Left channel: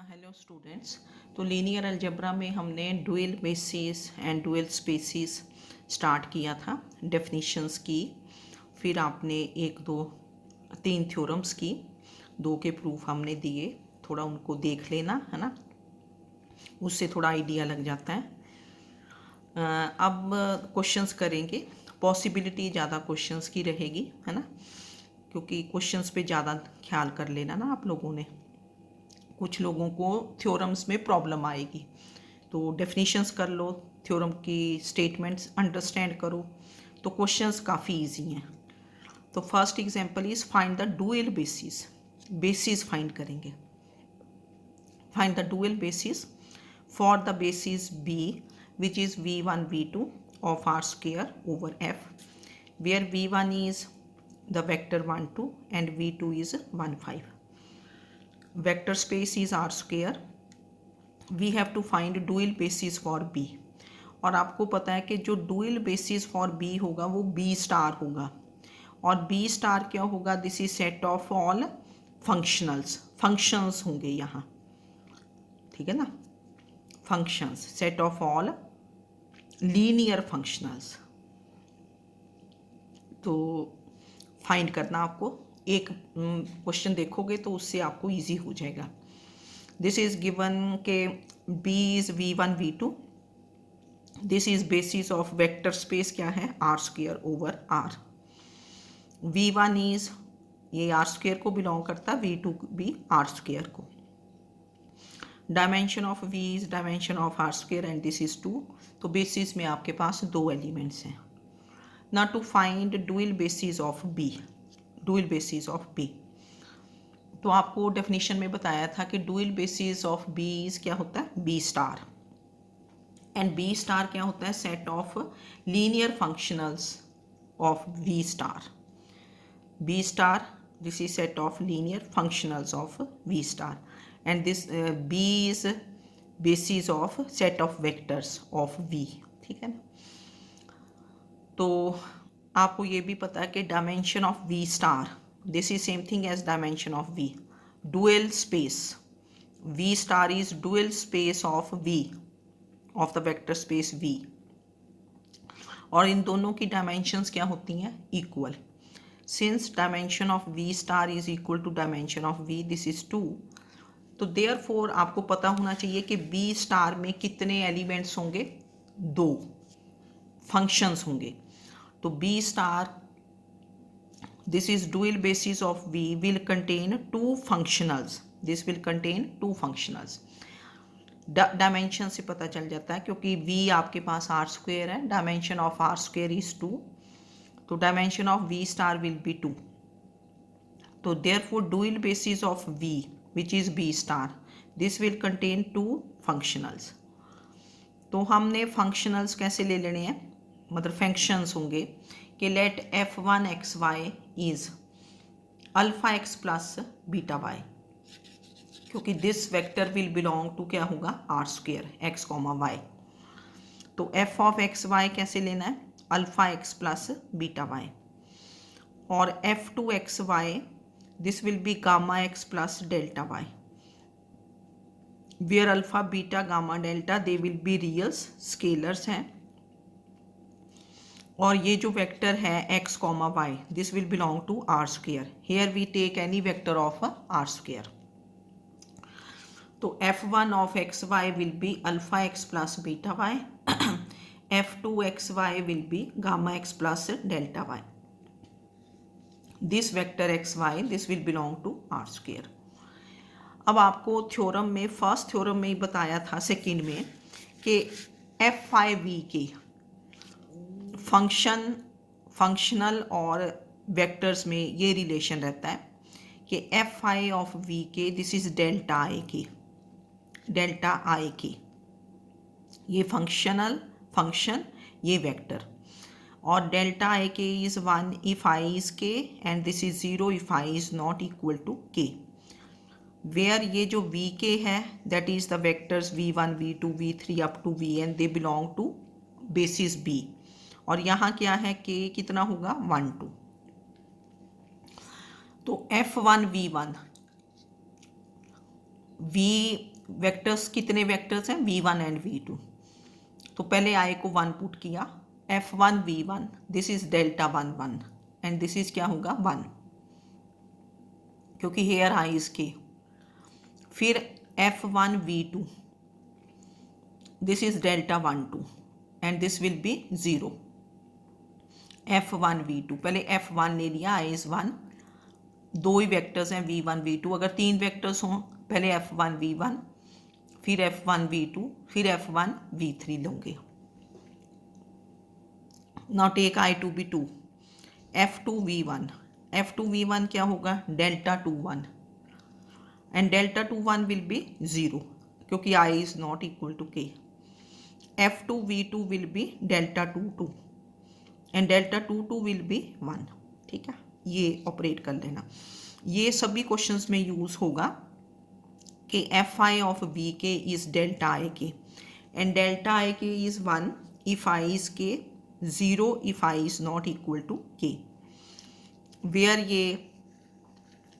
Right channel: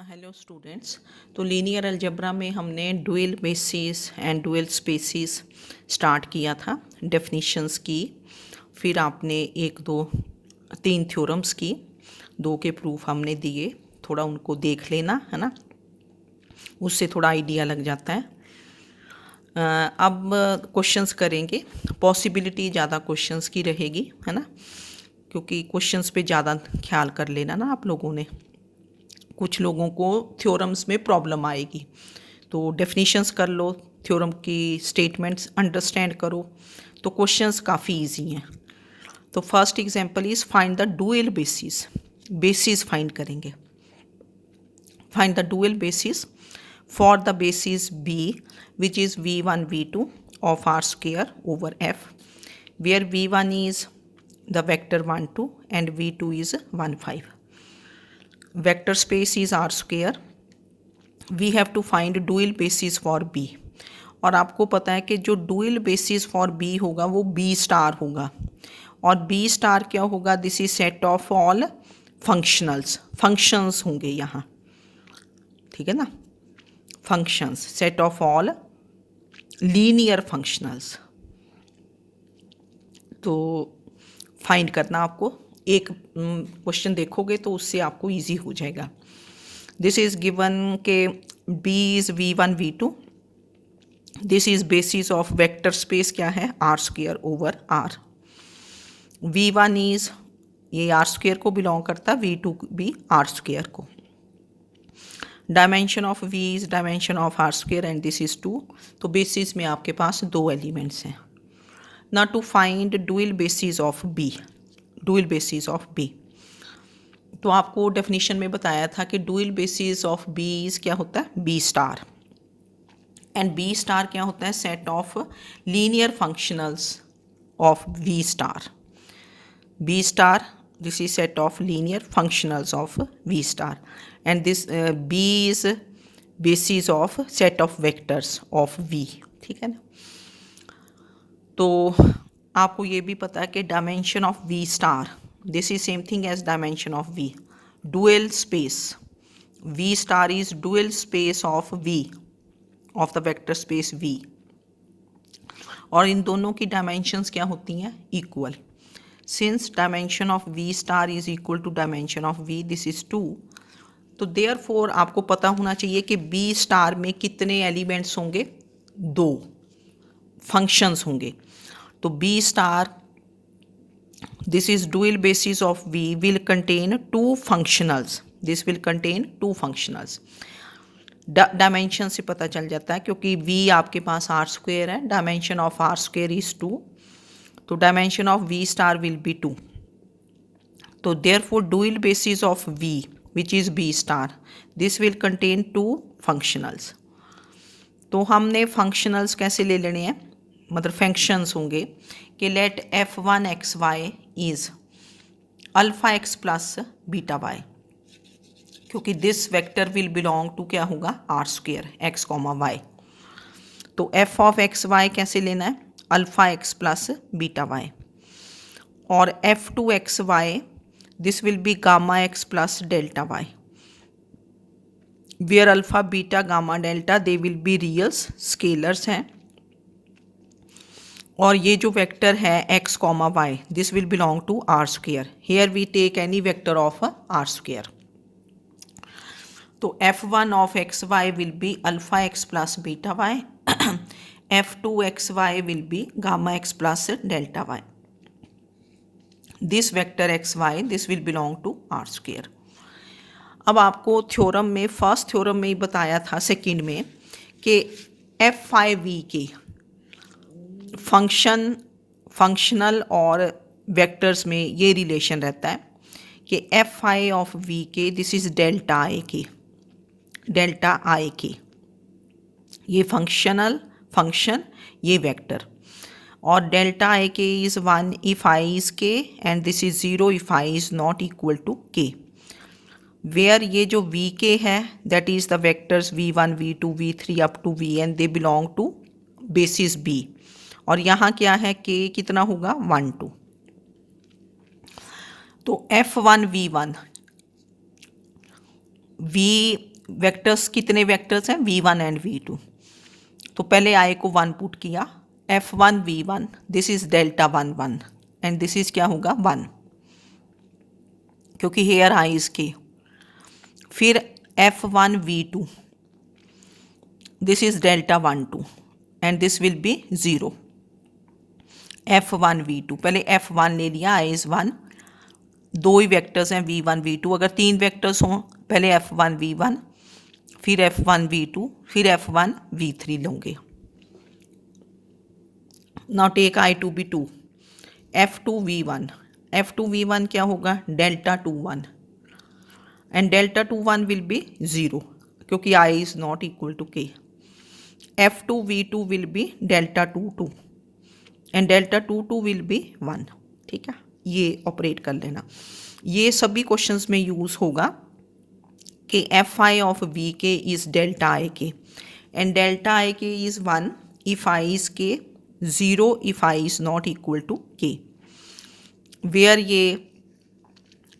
Hello students. तो linear algebra में हमने dual basis and dual spaces start किया था, डेफिनिशंस की, फिर आपने एक दो तीन थ्योरम्स की, दो के प्रूफ हमने दिए। थोड़ा उनको देख लेना है ना, उससे थोड़ा आइडिया लग जाता है। अब क्वेश्चंस करेंगे। पॉसिबिलिटी ज़्यादा क्वेश्चंस की रहेगी, है ना, क्योंकि क्वेश्चंस पे ज़्यादा ख्याल कर लेना ना आप लोगों ने। कुछ लोगों को थ्योरम्स में प्रॉब्लम आएगी, तो डेफिनेशंस कर लो, थ्योरम की स्टेटमेंट्स अंडरस्टैंड करो, तो क्वेश्चंस काफ़ी इजी हैं। तो first example is find the dual basis. Basis find करेंगे। Find the dual basis for the basis b which is v1 v2 of r square over f, where v1 is the vector 1 2 and v2 is 1 5. Vector space is r square. We have to find dual basis for b. और आपको पता है कि जो dual basis for B होगा वो B star होगा, और बी स्टार क्या होगा? This is set of all functionals. Functions होंगे यहाँ, ठीक है ना, functions, set of all linear functionals. तो फाइंड करना आपको, एक क्वेश्चन देखोगे तो उससे आपको इजी हो जाएगा। दिस इज गिवन के b is v1 v2। This is basis of vector space क्या है? R square over R. v1 is, ये आर स्क्वेयर को बिलोंग करता, v2 भी आर स्क्वेयर को। Dimension of v is dimension of R square and this is 2। तो basis में आपके पास दो एलिमेंट्स हैं। ना to find dual basis of b, dual basis of b। तो आपको डेफिनेशन में बताया था कि dual basis of b is क्या होता है? b star. And b star क्या होता है? Set of linear functionals of v star. b star, this is set of linear functionals of v star, and this b is basis of set of vectors of v, ठीक है ना। तो आपको ये भी पता है कि dimension of v star, this is same thing as dimension of v। Dual space v star is dual space of v, of the vector space v, और इन दोनों की डायमेंशंस क्या होती हैं? Equal. Since dimension of v star is equal to dimension of v, this is 2, तो therefore आपको पता होना चाहिए कि b स्टार में कितने एलिमेंट्स होंगे? दो फंक्शंस होंगे। तो b star, this is dual basis of v, will contain two functionals. This will contain two functionals. Dimension से पता चल जाता है, क्योंकि v आपके पास आर स्क्वेयर है, dimension of R square is 2, तो dimension of v star will be 2। तो therefore dual basis of v which is b star, this will contain two functionals. तो हमने फंक्शनल्स कैसे ले लेने हैं, मतलब फंक्शंस होंगे कि let f1 xy is alpha x plus beta y, क्योंकि this vector will belong to क्या होगा? R square x comma y. तो f ऑफ एक्स वाई कैसे लेना है? Alpha x plus beta y. और f2 x y, this will be gamma x plus delta y, where alpha beta gamma delta they will be reals, scalars हैं। और ये जो vector है x comma Y, this will belong to R square. Here we take any vector of R square. तो f1 of x y will be alpha x plus beta y, f2 x y will be gamma x plus delta y. This vector x y, this will belong to R square. अब आपको theorem में, first theorem में ही बताया था, second में, कि F I we के functional और वेक्टर्स में ये रिलेशन रहता है कि एफ आई ऑफ वी के, दिस इज डेल्टा आई के, डेल्टा आई के, ये फंक्शन, ये वेक्टर, और delta i k is 1 if i is k, and this is 0 if i is not equal to के। वेयर ये जो वी के है, that is the vectors v1 v2 v3 up to vn, they belong to basis b। और यहाँ क्या है? k कितना होगा? 1 2। तो f1 v1, वी वेक्टर्स कितने वेक्टर्स हैं, V1 एंड V2। तो पहले आई को 1 पुट किया, F1 V1, this is delta 1 1 and this is क्या होगा 1, क्योंकि हेयर आई इज के। फिर F1 V2, this is delta 1 2 and this will be 0। F1 V2, पहले F1 ले लिया, आई इज 1, दो ही वेक्टर्स हैं V1 V2। अगर 3 वेक्टर्स हों, पहले F1 V1, फिर F1 V2, फिर F1 V3 लूँगे। Now take I to be 2, F2 V1, F2 V1 क्या होगा, delta 2 1 and delta 2 1 will be 0 क्योंकि I is not equal to K। F2 V2 will be delta 2 2 and delta 2 2 will be 1। ठीक है, ये operate कर लेना। ये सभी क्वेश्चंस में यूज़ होगा कि एफ आई ऑफ वी के इज़ डेल्टा आई के and delta i k is 1 if I is K, 0 if I is not equal to के, वेयर ये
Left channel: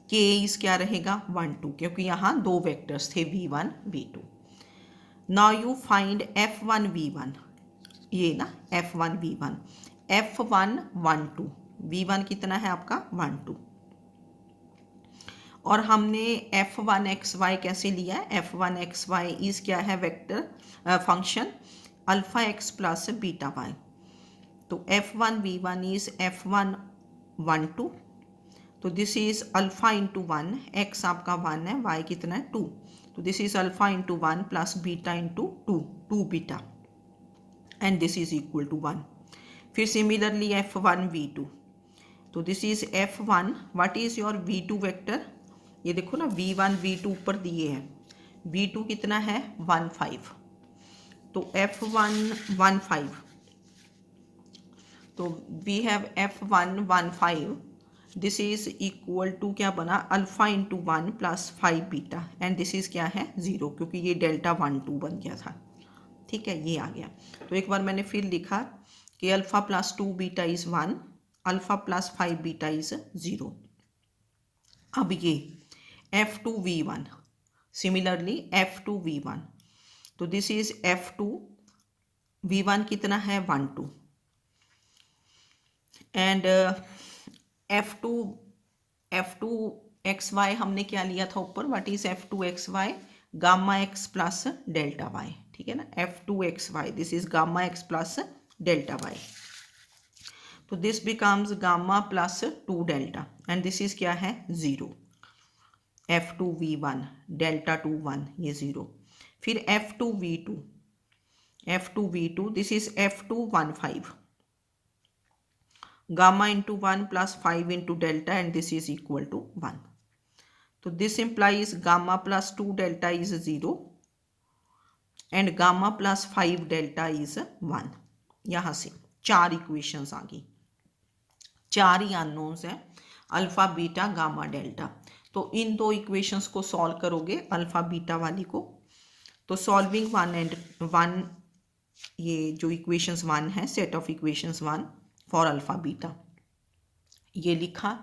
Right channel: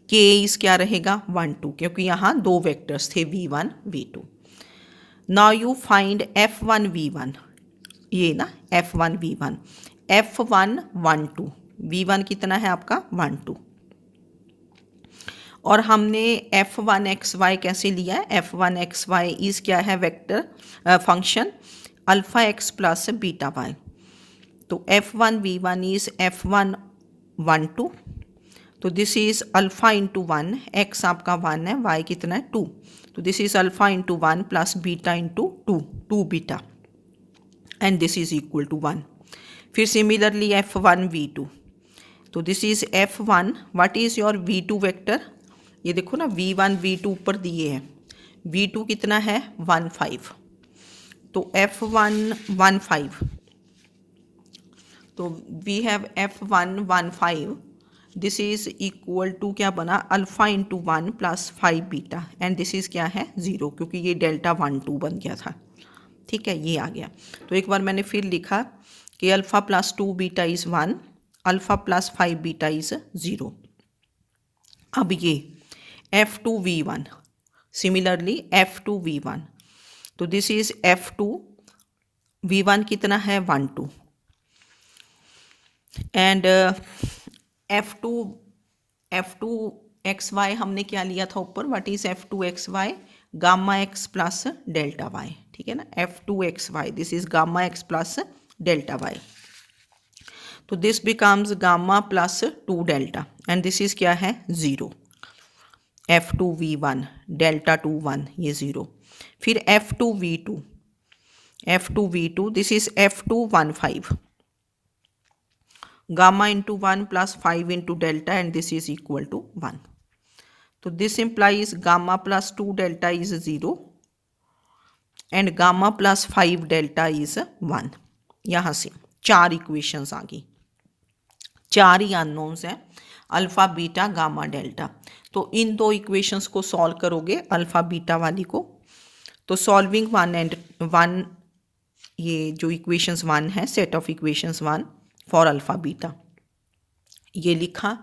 के इज़ क्या रहेगा 1 2, क्योंकि यहाँ दो वेक्टर्स थे V1 V2। Now you find F1 V1, ये ना F1 V1, F1 1 2, V1 कितना है आपका 1 2, और हमने F1 XY कैसे लिया है, F1 XY इज़ क्या है vector function alpha x plus beta y. तो F1 V1 इज़ F1 1 2, तो this is alpha into 1, x आपका 1 है, वाई कितना है 2, तो this is alpha into 1 plus beta into 2, 2 beta and this is equal to 1। फिर सिमिलरली F1 V2, तो this is F1, what is your V2 vector, ये देखो ना V1 V2 ऊपर दिए हैं, V2 कितना है 1 5, तो F1 1 5, तो we have F1 1 5, this is equal to क्या बना alpha into 1 plus 5 beta and this is क्या है 0, क्योंकि ये डेल्टा 1 2 बन गया था। ठीक है, ये आ गया। तो एक बार मैंने फिर लिखा कि alpha plus 2 beta is 1, alpha plus 5 beta is 0। अब ये F2 V1, similarly F2 V1, तो दिस इज़ F2 V1 कितना है 1 2 एंड F2 XY हमने क्या लिया था ऊपर, what is F2 XY, gamma x plus delta y. ठीक है ना, F2 XY, this is gamma x plus delta y, तो this becomes gamma plus 2 delta and this is क्या है 0। F2 V1 डेल्टा 2 1, ये 0। फिर F2 V2, this is F2 1 5, gamma into 1 plus 5 into delta and this is equal to 1। तो this implies gamma plus 2 delta is 0 and gamma plus 5 delta is 1। यहाँ से 4 equations आ गई, 4 ही अननोन्स हैं, alpha beta gamma delta. तो इन दो इक्वेशंस को सॉल्व करोगे अल्फ़ा बीटा वाली को, तो सॉल्विंग 1 एंड 1, ये जो इक्वेशंस 1 है, set of equations 1 for alpha beta, ये लिखा,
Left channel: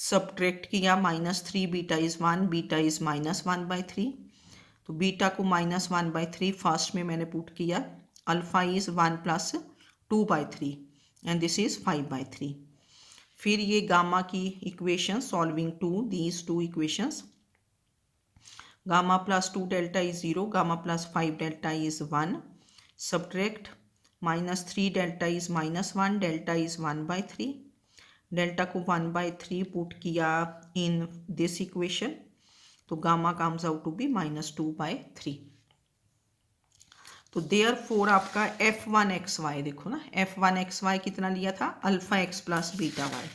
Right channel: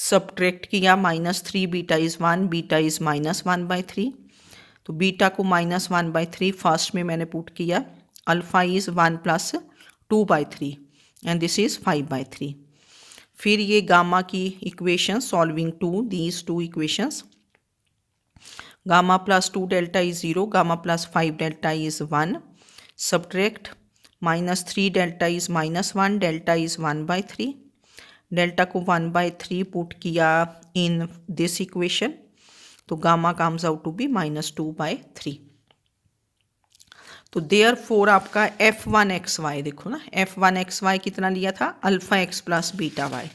सब्ट्रैक्ट किया, -3 बीटा इज़ 1, बीटा इज़ -1/3, तो बीटा को -1/3 फर्स्ट में मैंने पुट किया, alpha is 1 plus 2/3 and this is 5/3। फिर ये गामा की equation solving to these two equations, gamma plus 2 delta is 0, gamma plus 5 delta is 1, subtract -3 delta is -1, delta is 1/3, delta को 1/3 put किया in this equation, तो gamma comes out to be -2/3। तो there four आपका F1 XY देखो ना, F1 XY कितना लिया था, alpha x plus beta y,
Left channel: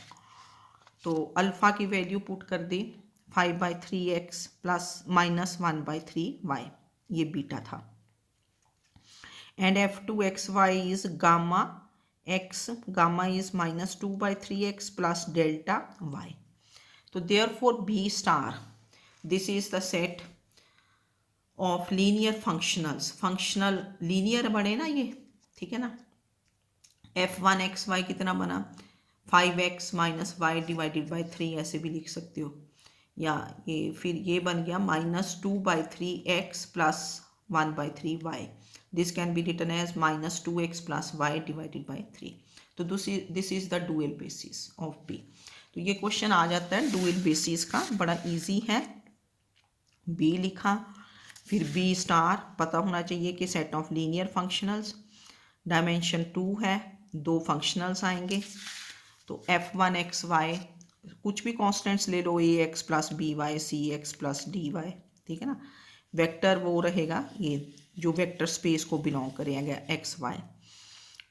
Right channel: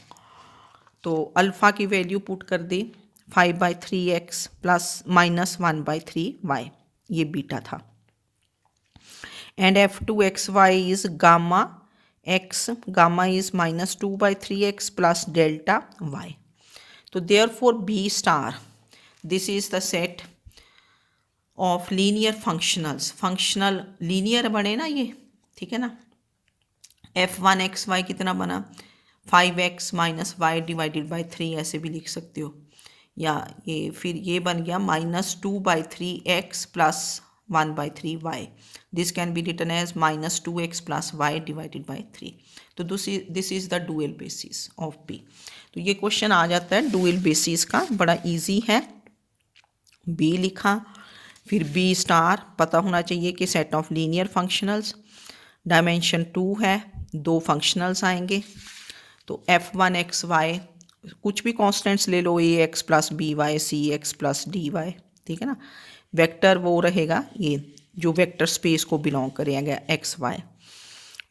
तो अल्फ़ा की वैल्यू पुट कर दी 5/3x प्लस -1/3y, ये बीटा था, and F2 XY is gamma x, gamma is -2/3x plus delta y। तो therefore B star, this is the set of linear functionals, functional linear बने ना ये, ठीक है ना। F1 XY कितना बना 5x - y डिवाइडेड बाई 3, ऐसे भी लिख सकते हो। या ये फिर ये बन गया -2/3x plus 1/3y. This can be written as -2x plus y divided by 3. तो this is the dual basis of b. तो ये क्वेश्चन आ जाता है डुअल बेसिस का, बड़ा इजी है. b लिखा, फिर b स्टार पता होना चाहिए कि set of linear functionals, dimension 2 है, 2 फंक्शनल्स आएंगे. तो f1x y कुछ भी कॉन्स्टेंट्स ले लो, ax plus b y c x plus d y, ठीक है ना. वेक्टर वो रहेगा ये जो वेक्टर स्पेस को बिलोंग करेगा x y.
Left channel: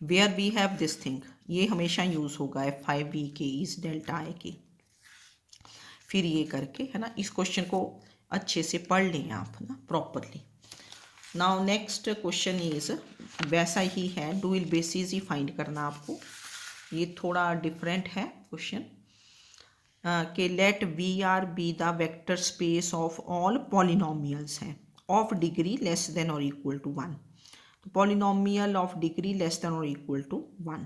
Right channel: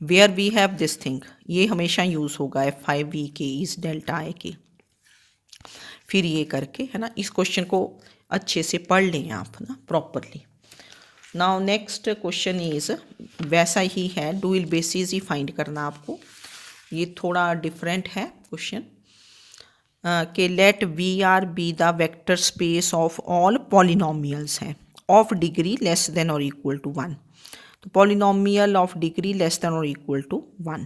Where we have this thing, ये हमेशा यूज़ होगा f5v के इस डेल्टा आई के. फिर ये करके है ना, इस क्वेश्चन को अच्छे से पढ़ लें आप ना properly. Now next question is वैसा ही है, डुअल बेसिस ही फाइंड करना आपको. ये थोड़ा डिफरेंट है क्वेश्चन कि let V R be the vector space of all polynomials हैं ऑफ डिग्री लेस देन और इक्वल टू 1. तो polynomial of degree less than और equal to 1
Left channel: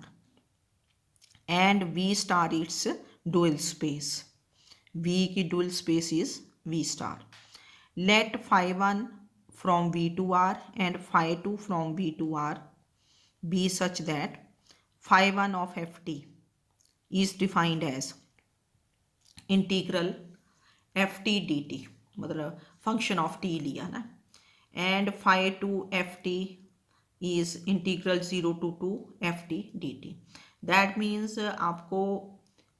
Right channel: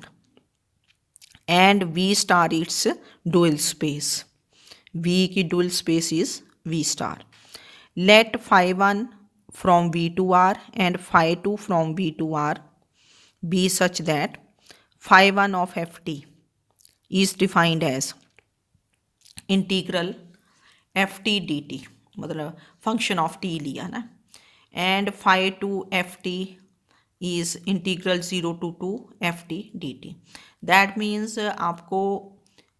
and V star its dual space. V की dual space is V star. Let phi1 from V to R and phi2 from V to R be such that phi1 of ft is defined as integral ft dt, मतलब function of t लिया ना, and phi2 ft is integral 0 to 2 ft dt. That means आपको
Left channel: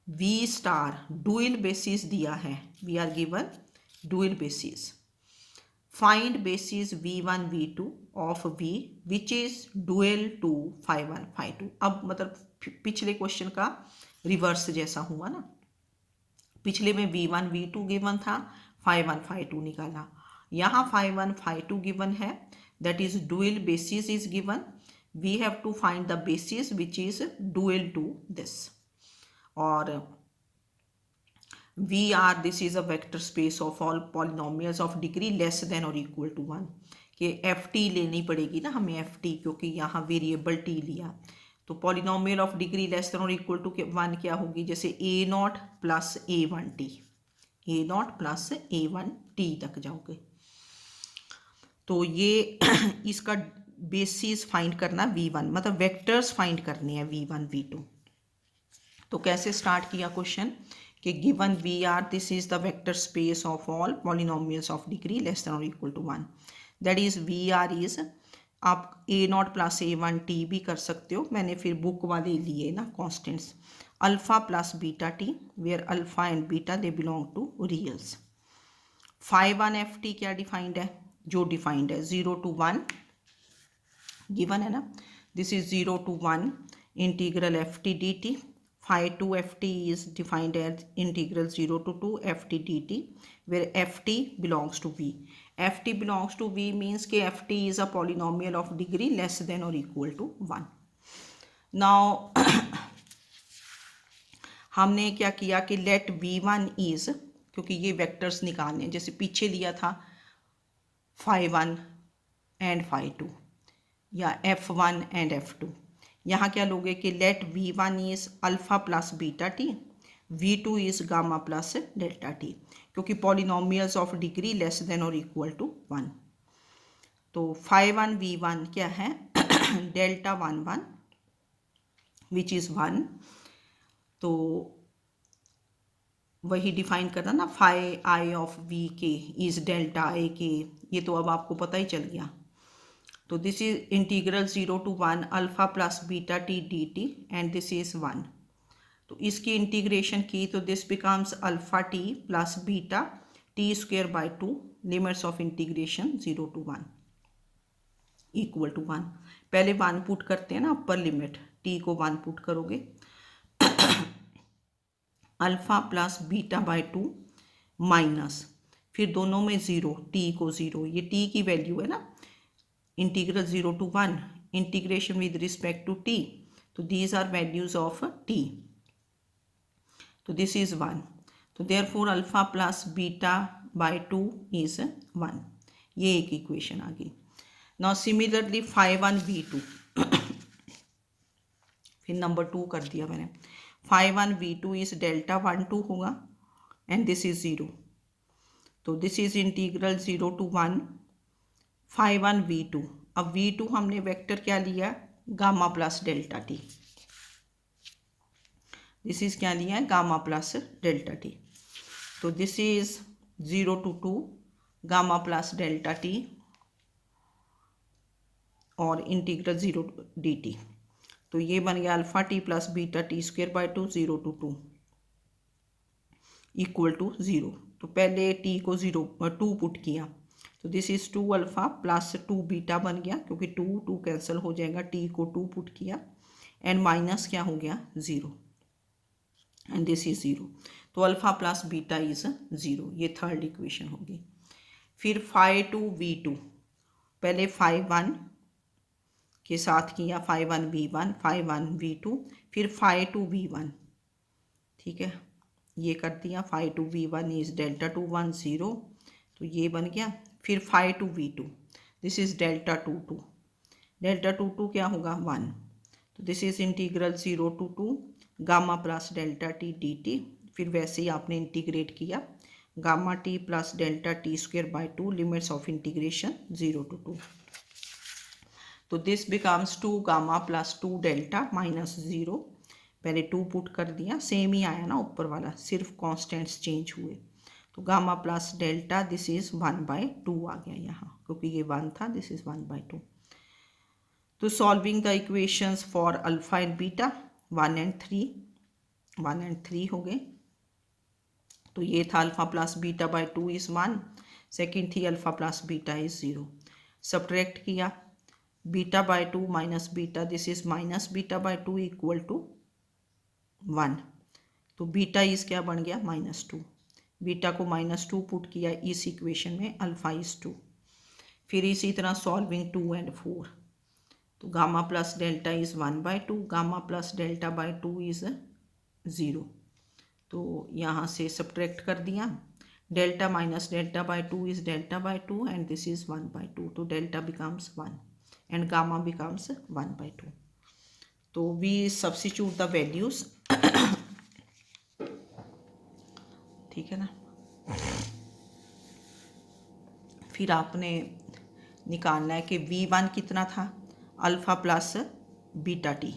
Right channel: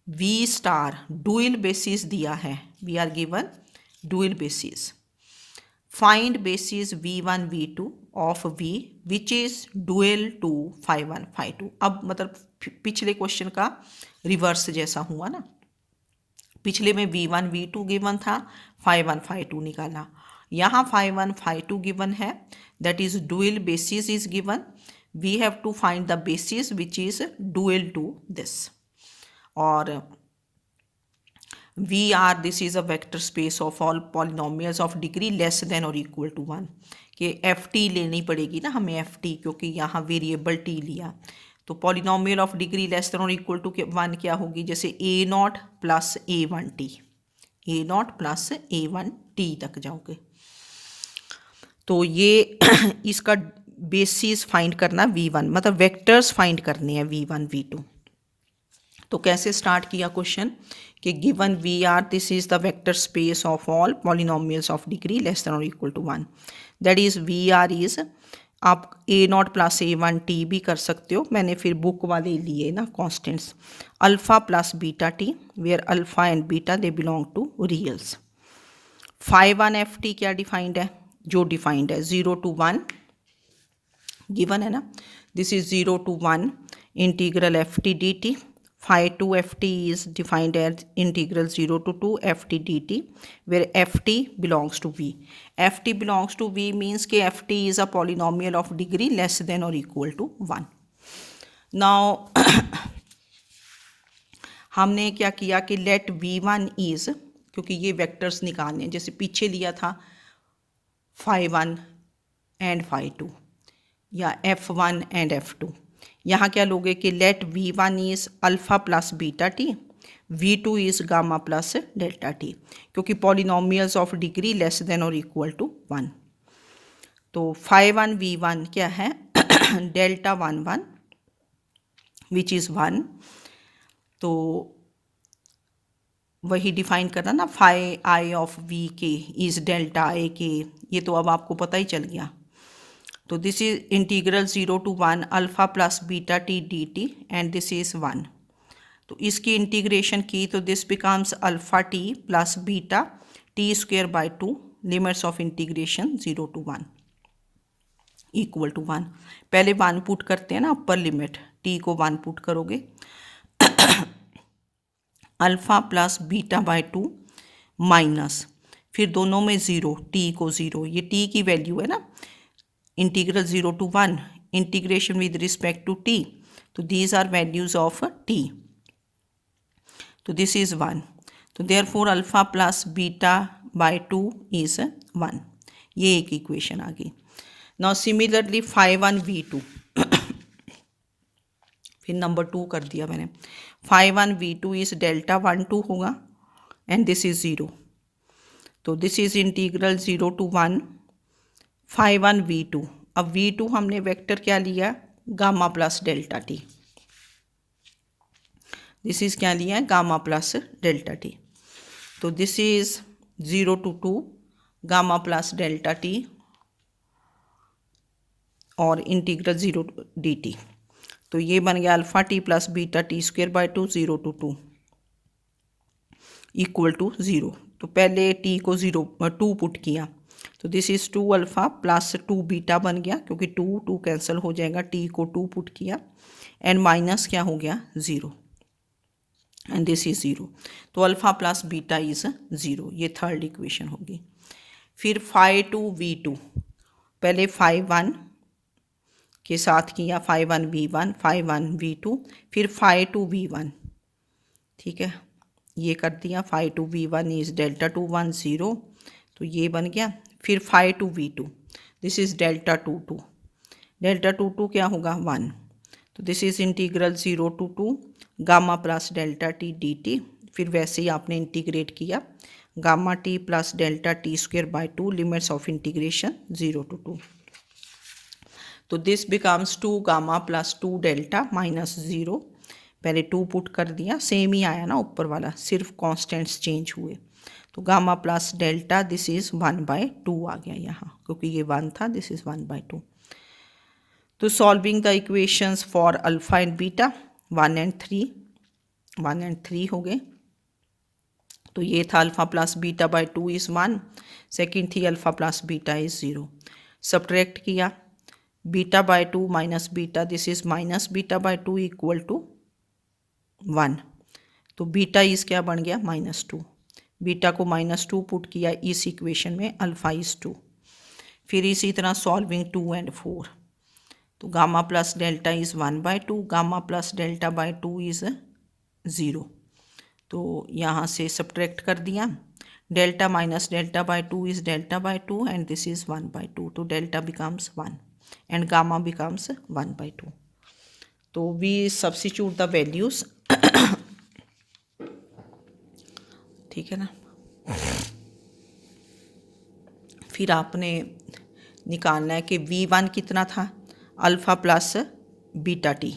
v star dual basis दिया है, we are given dual basis. Find basis v1 v2 of v which is dual to phi1 phi2. अब मतलब पिछले question का reverse जैसा हुआ ना, पिछले में v1 v2 गिवन था, phi1 phi2 निकाला. यहाँ phi1 phi2 गिवन है, that is dual basis is given. We have to find the basis which is dual to this. और VR this is a vector space of all polynomials of degree less than और equal to 1. कि ft लेनी पड़ेगी ना हमें ft, क्योंकि यहाँ variable t लिया. तो polynomial of degree less than और इक्वल टू 1 क्या होगी, जैसे a0 plus a1t, a0 plus a1t तक जाओगे. तो ये इसका बेसिस फाइंड करना v1, मतलब वेक्टर्स फाइंड करने हैं v1 v2. तो कैसे स्टार्ट किया क्वेश्चन कि given V R this is the vector space of all polynomials of degree less than और equal to 1. That is V R is, आप a0 प्लस a1t भी कर सकते हो, मैंने फिर बुक वाले लिए ना constants, alpha plus beta T where alpha and beta they belong to reals. phi1 ft क्या डिफाइंड है, जो डिफाइंड है 0 to 1 गिवन है ना, this is 0 to 1 integral ft dt. phi2 ft is defined as integral 0 to 2 ft dt where ft belongs to v. ft belongs to v means कि ft is a polynomial of degree less than or equal to 1. Now हमने क्या किया कि let v1 is, क्योंकि ये vectors निकालने हैं, जैसे पीछे लिया था phi1 and phi2 या f1 and f2. यहाँ क्या लोगे कि let v1 is alpha plus beta T, v2 is gamma plus delta T, क्योंकि polynomials of degree less than और इक्वल टू 1. तो phi1 v1 क्या है डेल्टा 1 1 विच इज़ 1. तो वही डिफाइन करना ना, phi i ऑफ v के इज डेल्टा आई के, ये तो अब आपको पता ही चल गया. तो this is integral 0 to 1 alpha plus beta t d t and this is 1. तो इसकी इंटीग्रेशन की तो this becomes alpha t plus beta t square by 2, limits of integration 0 to 1 equal to 1. पहले 1 पुट करते हैं ना, अपर लिमिट टी को 1 put करोगे alpha plus beta by 2 minus, फिर दोनों में 0, टी को 0, ये टी की वैल्यू है ना, integral 0 to 1 integration with respect to T. तो these are values of T. तो दिस इज 1. तो therefore alpha plus beta by 2 is 1. ये एक इक्वेशन आ गई. नाउ सिमिलरली phi1 v2 फिर नंबर 2 कर दिया मैंने. phi1 v2 इज डेल्टा 1 2 होगा एंड दिस इज 0. तो this is integral 0 to 1 phi1 v2। अब v2 हमने वेक्टर क्या लिया, gamma plus delta t. This is क्या लिया है, गामा प्लस डेल्टा टी। तो this is 0 to 2 gamma plus delta t और इंटीग्रल 0 डी टी। तो ये बन गया alpha t plus beta t square by 2 0 to 2 equal to 0। तो पहले टी को 2 पुट किया, तो this is 2 alpha plus 2 beta बन गया, क्योंकि 2 कैंसिल हो जाएगा, टी को 2 पुट किया एंड माइनस क्या हो गया 0 एंड दिस इज 0। तो अल्फा प्लस बीटा इज 0, ये थर्ड इक्वेशन होगी। फिर फाई टू वी टू, पहले फाई वन के साथ किया, phi one v one, phi one v two, फिर फाई टू वी वन, ठीक है, ये कर दिया। Phi two v one is delta two 1 0, तो ये बन गया। फिर phi two v two, this is delta two 2, delta two क्या होगा 1। तो this is integral 0 to 2 gamma plus delta T d T. फिर वैसे ही आपने इंटीग्रेट किया, gamma T plus delta T square by 2, limits of integration 0 to 2। तो this becomes 2 gamma plus 2 delta minus 0। पहले 2 put कर दिया, सेम ही आया ना ऊपर वाला, सिर्फ कॉन्स्टेंट्स चेंज हुए। तो gamma plus delta this is 1/2 आ गया यहाँ, क्योंकि ये 1 था, दिस इज़ 1/2। तो solving the equations for alpha and beta 1 and 3 हो गए। तो ये था alpha plus beta by 2 is 1, second थी alpha plus beta is 0। Subtract किया, beta by 2 minus beta, this is minus beta by 2 equal to 1। तो beta is क्या बन गया -2, बीटा को -2 पुट किया इस इक्वेशन में, अल्फा इज़ 2। फिर इसी तरह सॉल्विंग 2 and 4, तो gamma plus delta is 1/2, gamma plus delta by 2 is 0। तो यहाँ से सब्ट्रैक्ट कर दिया, delta minus delta by 2 is delta by 2 and this is 1/2। तो delta becomes 1 and gamma becomes 1/2। तो वी सब्स्टिट्यूट द वैल्यूज़, ठीक है ना। फिर आपने निकालना है कि v1 कितना था, अल्फ़ा प्लस बीटा टी।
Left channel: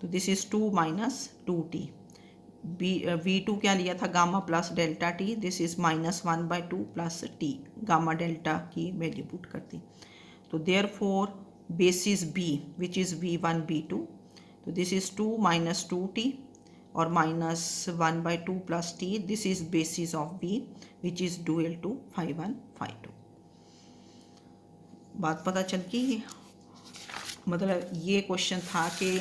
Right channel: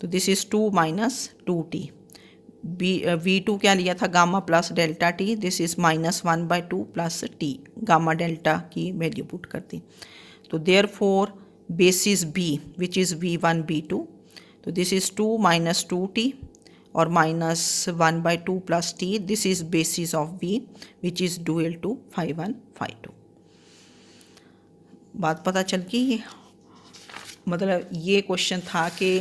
तो this is 2 minus 2t। v2 क्या लिया था, gamma plus delta t, this is -1/2 plus t, gamma delta की वैल्यू पुट कर दी। तो therefore basis b which is v1 v2, तो दिस इज़ 2 माइनस 2t और -1/2 plus t, this is basis of b which is dual to phi 1 phi 2। बात पता चल गई। मतलब ये क्वेश्चन था कि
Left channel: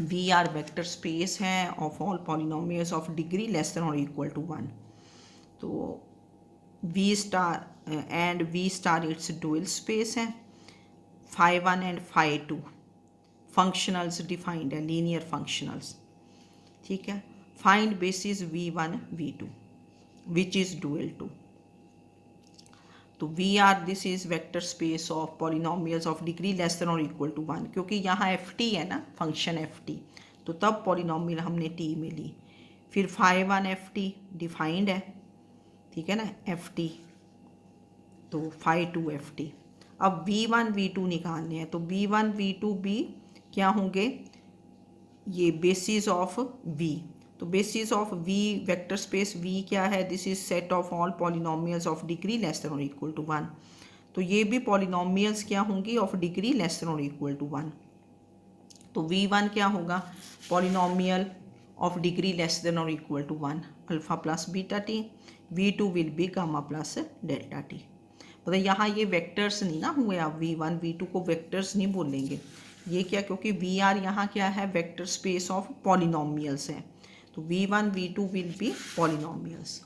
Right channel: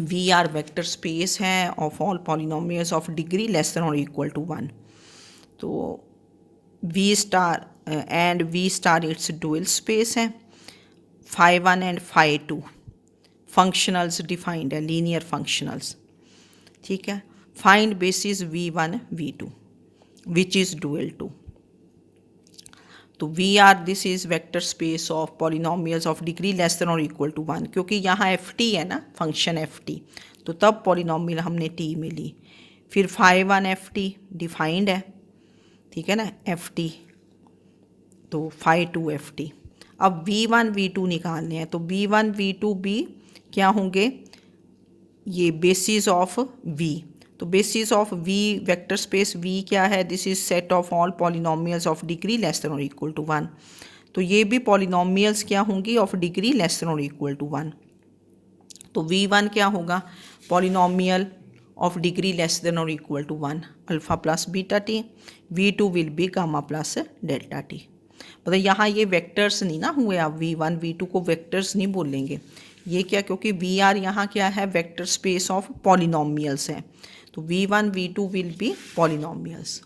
वी आर वेक्टर स्पेस है of all polynomials of degree less than और इक्वल टू 1। तो V star and V star its dual space है। Phi 1 and phi 2 functionals defined है, लीनियर फंक्शनल्स, ठीक है। Find basis v1 v2 which is dual to. तो V R this is vector space of polynomials of degree less than और equal to 1, क्योंकि यहाँ F T है ना, function F T, तो तब पॉलिनोमियल हमने टी में ली। फिर फाई 1 एफ टी डिफाइंड है, ठीक है ना, एफ टी, तो फाई 2 एफ टी। अब v1 v2 निकालने हैं, तो v1 v2 भी क्या होंगे, ये बेसिस ऑफ v। तो basis of v vector space v क्या है, this is set of all polynomials of degree less than और इक्वल टू 1। तो ये भी पॉलिनोमियल्स क्या होंगी, ऑफ डिग्री लेस देन और इक्वल टू 1। तो v1 क्या होगा, polynomial of degree less than और equal to 1 alpha plus beta T, v2 will be gamma plus delta T. मतलब यहाँ ये वेक्टर्स नहीं ना हुए, आप v1 v2 को वेक्टर्स नहीं बोलेंगे, ये क्या, क्योंकि वी आर यहाँ क्या है, वेक्टर स्पेस ऑफ पॉलिनोमियल्स है। तो v1 v2 will B polynomials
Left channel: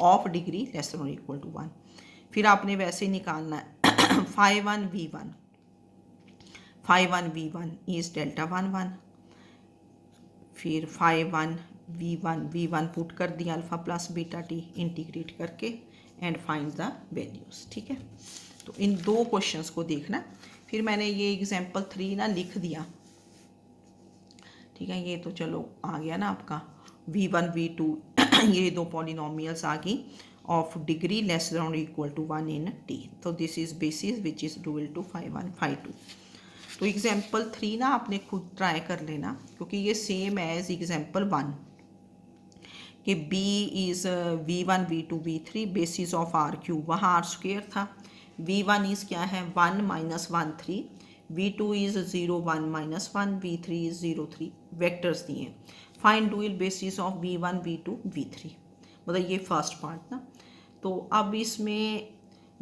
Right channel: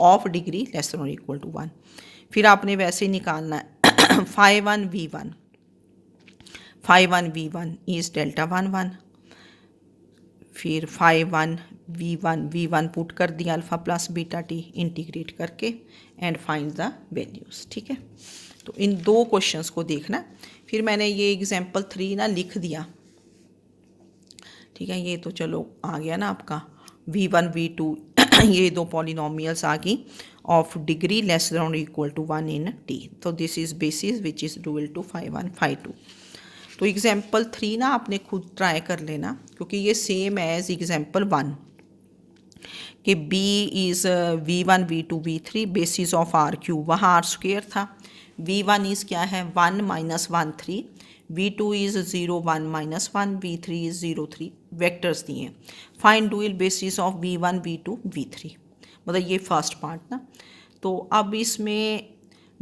of degree less than और इक्वल टू 1। फिर आपने वैसे ही निकालना है phi 1 v1, phi 1 v1 is delta 1 1। फिर फाई 1 v1 पुट कर दिया alpha plus beta T integrate करके एंड फाइंड द वैल्यूज़, ठीक है। तो इन दो क्वेश्चंस को देखना। फिर मैंने ये एग्जाम्पल 3 ना लिख दिया, ठीक है। ये तो चलो आ गया ना आपका v1 v2 ये दो पॉलिनोमियल्स आ गई of degree less than or equal to 1 in T. So this is basis which is dual to phi 1 phi 2. तो एग्जाम्पल 3 ना आपने खुद ट्राई कर लेना, क्योंकि ये सेम एज एग्जाम्पल 1 कि B is V1 V2 V3 basis of R cube, वहाँ आर स्क्वेयर था. V1 इज़ क्या है 1 minus 1 3, V2 is 0 1 minus 1, V3 is 0 3. Vectors दिए. Find dual basis of V1 V2 V3, मतलब ये फर्स्ट पार्ट ना. तो अब इसमें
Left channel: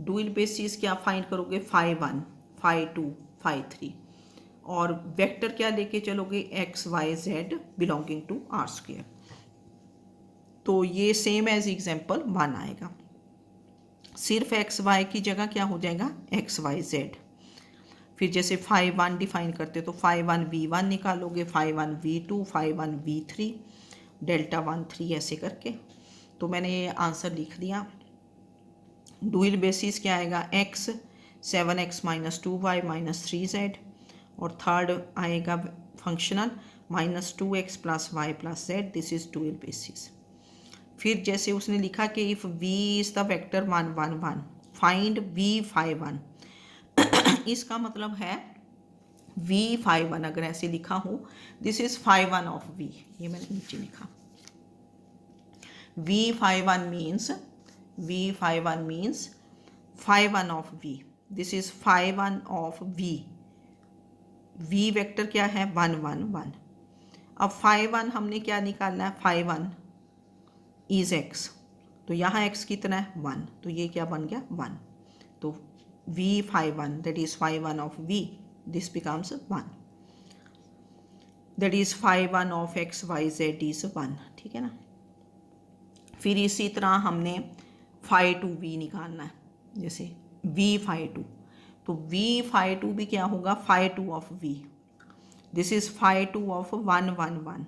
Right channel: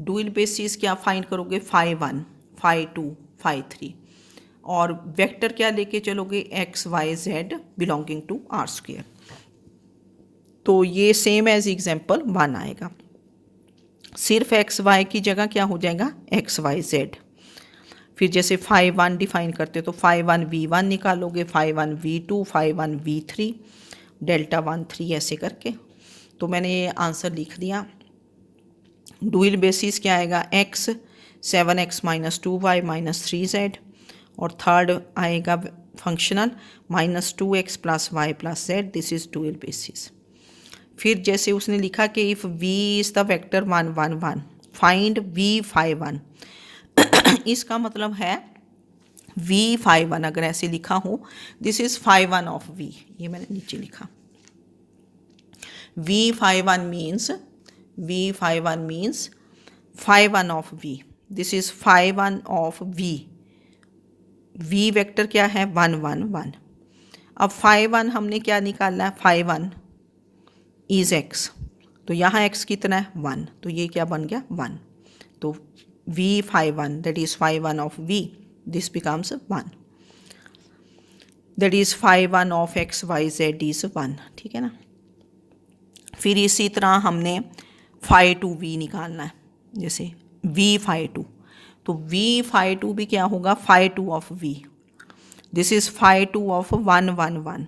डुअल बेसिस क्या फाइंड करोगे, फाई 1 फाई 2 फाई 3, और वेक्टर क्या लेके चलोगे, x Y z belonging to R square. तो ये सेम एज एग्जाम्पल 1 आएगा. सिर्फ एक्स वाई की जगह क्या हो जाएगा, एक्स वाई जेड. फिर जैसे फाई 1 डिफाइन करते तो फाई 1 V1 निकालोगे, phi 1 V2, phi 1 V3, delta 1 3 ऐसे करके. तो मैंने ये आंसर लिख दिया. डुअल बेसिस क्या आएगा, x 7x minus 2y minus 3z, और थर्ड आएगा functional -2x plus y plus z. This is dual basis. फिर जैसे उसने लिखा कि if v is the vector 1 1 1, find v phi 1. इसका मतलब है v फाई 1 अगर ऐसे लिखा हो, this is phi 1 of v, ये मैंने नीचे लिखा. v phi 1 means phi 1 of v. This is phi 1 of v. v vector क्या है 1 1 1. अब phi 1 हमने क्या निकालना है, phi 1 इज x, तो यहाँ x कितना है 1, तो ये क्या बन गया 1. तो v phi 1 that is phi 1 of v, this becomes 1. That is phi 1 of x y z is 1. ठीक है ना. फिर इसी तरह हमने phi 2 v निकालना है, जैसे v phi 2, तो v phi 2 भी क्या होगा, phi 2 of v. This is phi 2 of 1 1 1.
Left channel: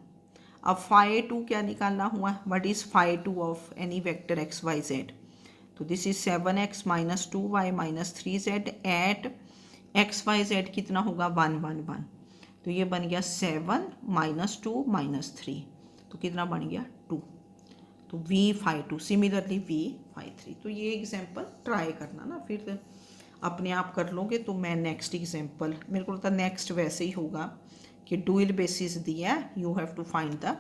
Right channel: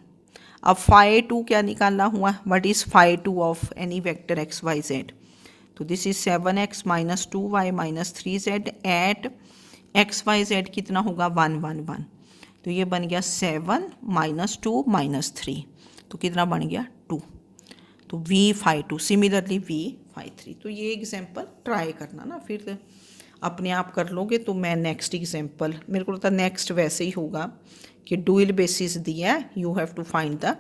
अब phi 2 क्या निकालना हुआ, what is phi 2 of any vector x Y Z. तो this is 7x minus 2y minus 3z at X Y Z कितना होगा 1 1 1. तो ये बन गया 7 माइनस 2 माइनस 3, तो कितना बन गया 2. तो v phi 2 similarly v phi 3. तो ये एग्जाम्पल ट्राई करना ना, फिर अपने आप कर लोगे. तो मैं नेक्स्ट एग्जाम्पल, मेरे को लगता है नेक्स्ट वैसे ही होगा कि डुअल बेसिस दिया है, you have to find the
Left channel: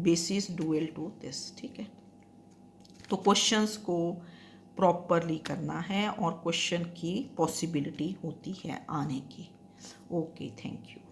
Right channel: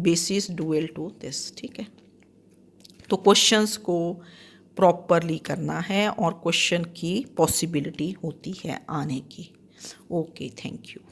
basis dual to this. ठीक है. तो क्वेश्चंस को प्रॉपरली करना है और क्वेश्चन की पॉसिबिलिटी होती है आने की. Okay, thank you.